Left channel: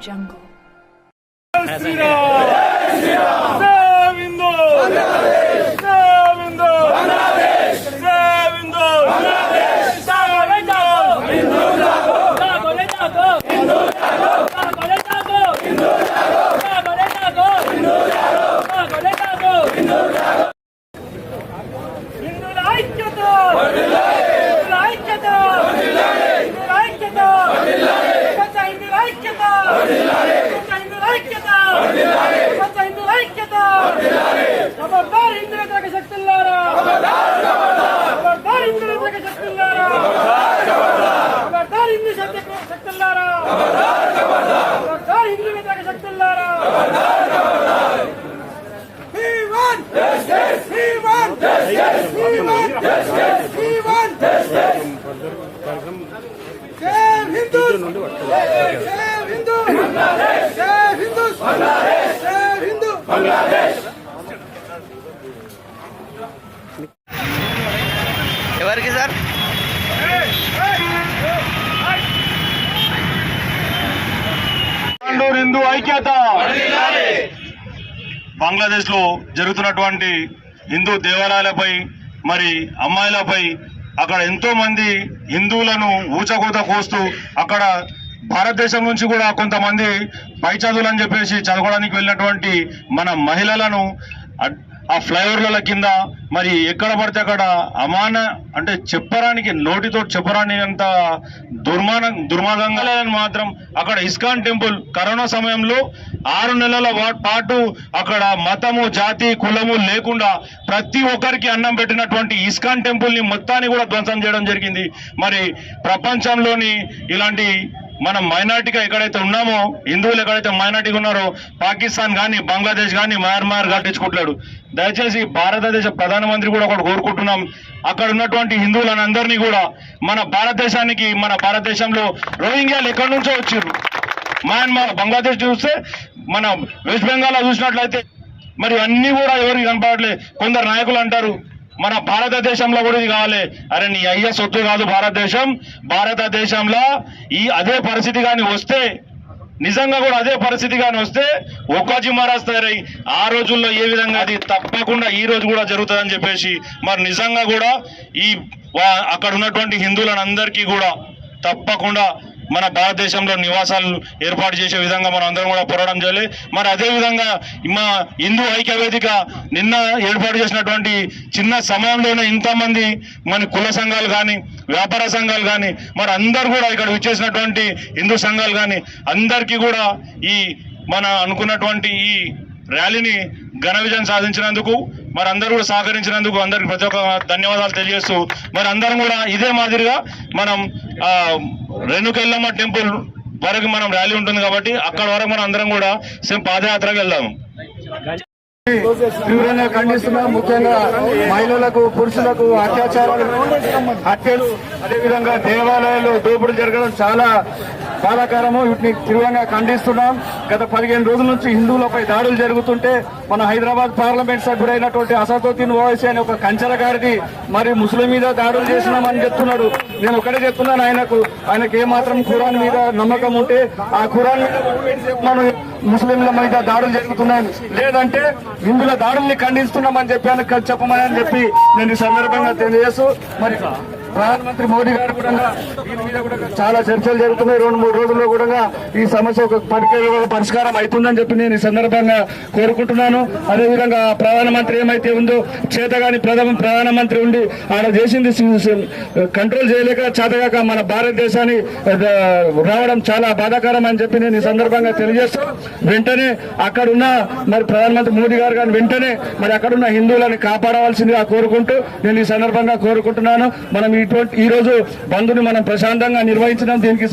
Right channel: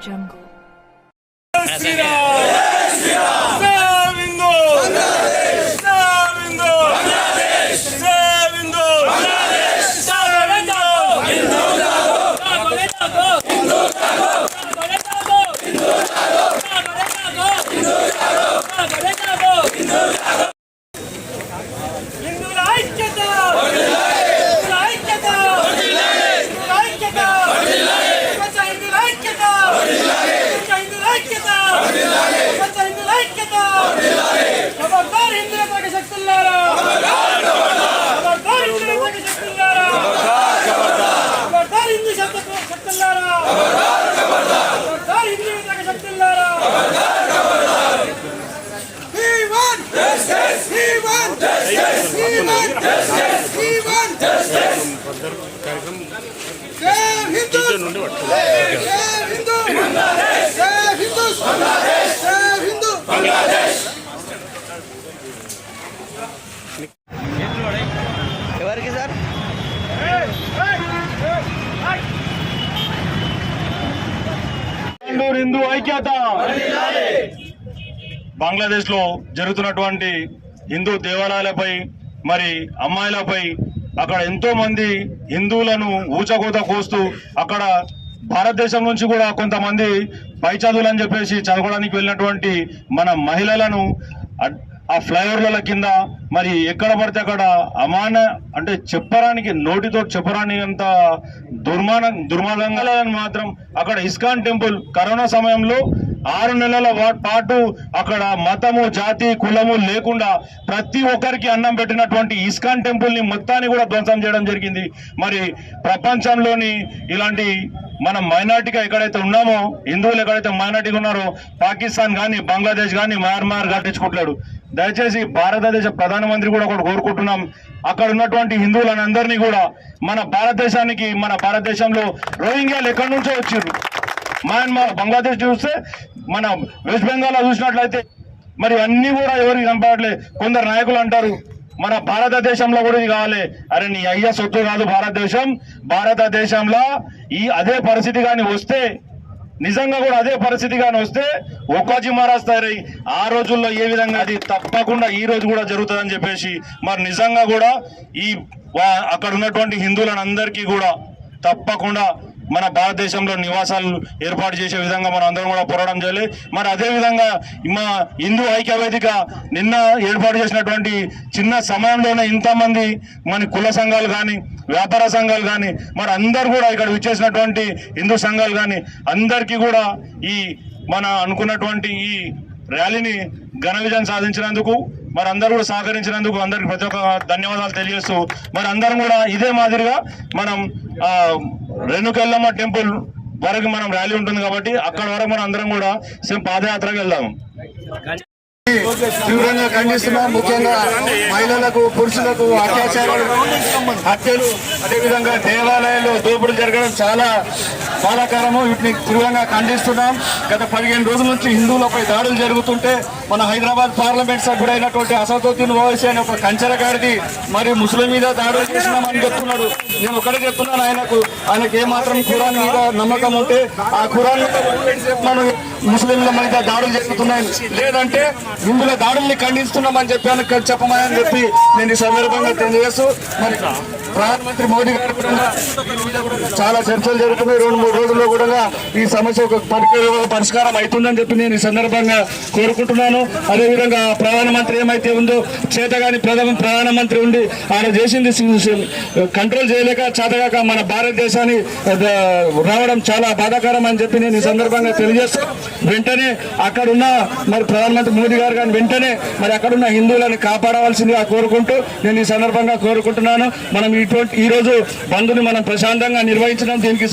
Jungle. ఎవరికి sir? Hindu ఐక్యత. బంగ్లాదేశ్లో జరుగుతున్నటువంటి హిందూ దేవాలయాలపై మరి అమ్మాయిలపై అక్కడ ఎంతో మంది హిందువులను ఊచకోత కోస్తూ అక్కడ భారతదేశం నుంచి కూడా కొంతమంది పై చదువులు అని చెప్పేసి చదవడానికి వెళ్ళినటువంటి మన మహిళలను ఆ ఫ్లైఓవర్ల కింద మరి ఎక్కడ పడితే అక్కడ అమాన అంటే చెప్పరానికి నోటితో చెప్పరాని అంత దుర్మాన దుర్మార్గంగా మాత్రం అక్కడ ఇస్కాన్ టెంపుల్ కరోనా సమయంలో ఆరు నెలల పాటు అక్కడ మతము జాతి కులము లేకుండా ప్రతి ఒక్కరికి అన్నం పెట్టినటువంటి ఇస్కాన్ టెంపుల్ని మొత్తాన్ని కూడా ధ్వంసం చేయడం జరిగింది. మరి ప్రపంచంలోని ఇలాంటి మనం మైనార్టీగా ఎక్కడైతే ఉన్నామో హిందువులు ఎక్కడైతే మైనార్టీగా ఉన్నారో పాకిస్తాన్ కానీ బంగ్లాదేశ్ కానీ మయన్మార్ కట్టించుకుంటాడు దయచేసి భారతదేశ ప్రధానమంత్రి కూడా ఒకటి కోరుకుంటున్నాం. అక్కడ ఉన్నటువంటి హిందువులందరినీ కూడా మన భారతదేశానికి మన భారతదేశంలో రోహింగ్యాలు ఎక్కడి నుంచో వచ్చారు మయన్మార్ బంగ్లాదేశ్ చూస్తే మన వెస్ట్ బెంగాల్ చూసినట్లయితే మరి అన్నీ కూడా ఎవరికి కనపడట్లేదు కొందరు నాయకులు అంటారు మన భారతదేశంలో కూడా ఇది కావాలి అరే నీ అయ్య సొత్తు కాదు భారతదేశం. భారతదేశంలో ఈ అదే పరిస్థితి కానీ వస్తే నిజంగా కూడా అదే పరిస్థితి కానీ వస్తే ఒక్కోజీ మహారాజ్ తయారై ఆ రోజుల్లో ఏ విధంగా అది తప్పకుండా ఈ రోజు కూడా జరుగుతుందని చెప్పేసి మరి నిజంగా కూడా ఈ అక్కడ ఉన్నటువంటి హిందువులను అందరికీ కూడా తప్పకుండా మన భారతదేశంలో నివాసాలు ఏర్పాటు చేసే విధంగా మనం అందరం కూడా పోరాటం చేయాలి. మరి అదే విధంగా మా హిందూ ఐక్య వేదిక నిన్న ఏర్పాటు చేసినటువంటి చిన్న సమయంలోనే ఇంతమంది మన కుల సంఘాలు కానీ వ్యాపార సంఘాలు కానీ మరి అందరు కూడా ఇక్కడ వచ్చేసినటువంటి హిందూ సంఘాలు కానీ అందరికీ కూడా ఈ మన అనుకున్నటువంటి ఈ ర్యాలీని ఘన విజయం సాధించినందుకు మరి అందరూ కూడా సహకరించినందుకు అందరికి ప్రతి ఒక్క ధన్యవాదాలు తెలియజేస్తూ మరి అందరం కూడా ఇదే మాదిరిగా మనం రేణుకెళ్ళమ్మ టెంపుల్ వరకు మనం ర్యాలీ ఉంటుంది కాబట్టి అక్కడ వరకు మనం అందరం కూడా సేమ్ పాదయాత్రకు వెళ్దాం. తీవ్రంగా ఖండిస్తున్నాం. ముఖ్యంగా మహిళలకు పురుషులకు అత్యాచారాలు హత్యలు అదేవిధంగా దేవాలయాలు దోపుడు జరగడం చాలా బాధాకరము. వీటిని తీవ్రంగా ఖండిస్తున్నాం. గత పదిహేను రోజుల నుంచి హిందువులపై దాడులు జరుగుతుంటే మన హైదరాబాద్ పార్లమెంట్ సభ్యుడైనటువంటి అసదుద్దీన్ ఓవైసీ అనే ఒక కంచరగాడిది మరి ముస్లిం మీద దాడులు చేసినామని చెప్తున్నాడు. నేను ఒకటే చెప్తున్నాను ఆయనకు. ఆయనకు ఏమాత్రం ఖురాన్ మీద నమ్మకం ఉంటే ఆ ఖురాన్ మనం ముస్లింల మీద దాడులు జరుగుతున్నాయని. లేదంటే హిందువుల దాడుల్ని ఖండిస్తున్నామని చెప్పాను. చెప్పమని చెప్పి నేను ఈ సందర్భంగా తెలియజేస్తూ మరి ప్రధానమంత్రి మోడీ గారు కూడా చాలా చర్చలు జరుగుతున్నాయి. రెండు మూడు రోజుల్లో కూడా ఈ సమస్య ఒక పరిష్కారం పరిష్కారం అవుతుందని చెప్పి నేను ఈ సందర్భంగా కోరుకుంటున్నాను. అదేవిధంగా ప్రధానమంత్రి ఏమైతే ఉందో చేతగాని ప్రధాన ప్రధానమంత్రి ఉండి ఆయన చేసింది కంట్రోల్ చేయలేక చేతగాక మన భారతదేశాన్ని రావడం చాలా బాధాకరం అని చెప్పి నేను ఈ సందర్భంగా తెలియజేస్తూ వెంటనే అక్కడున్న మరి ప్రధానమంత్రి మోదీ గారు కానీ వెంటనే మరి అక్కడున్న హిందువులని కాపాడవలసిందిగా కోరుకుంటూ నేను ఈ సందర్భంగా కోరుకుంటున్నాను. మనం ఈ ఇటువంటి ఈ రోజు బంధుని మనం ప్రశాంతంగా నిర్వహించడం దీనికి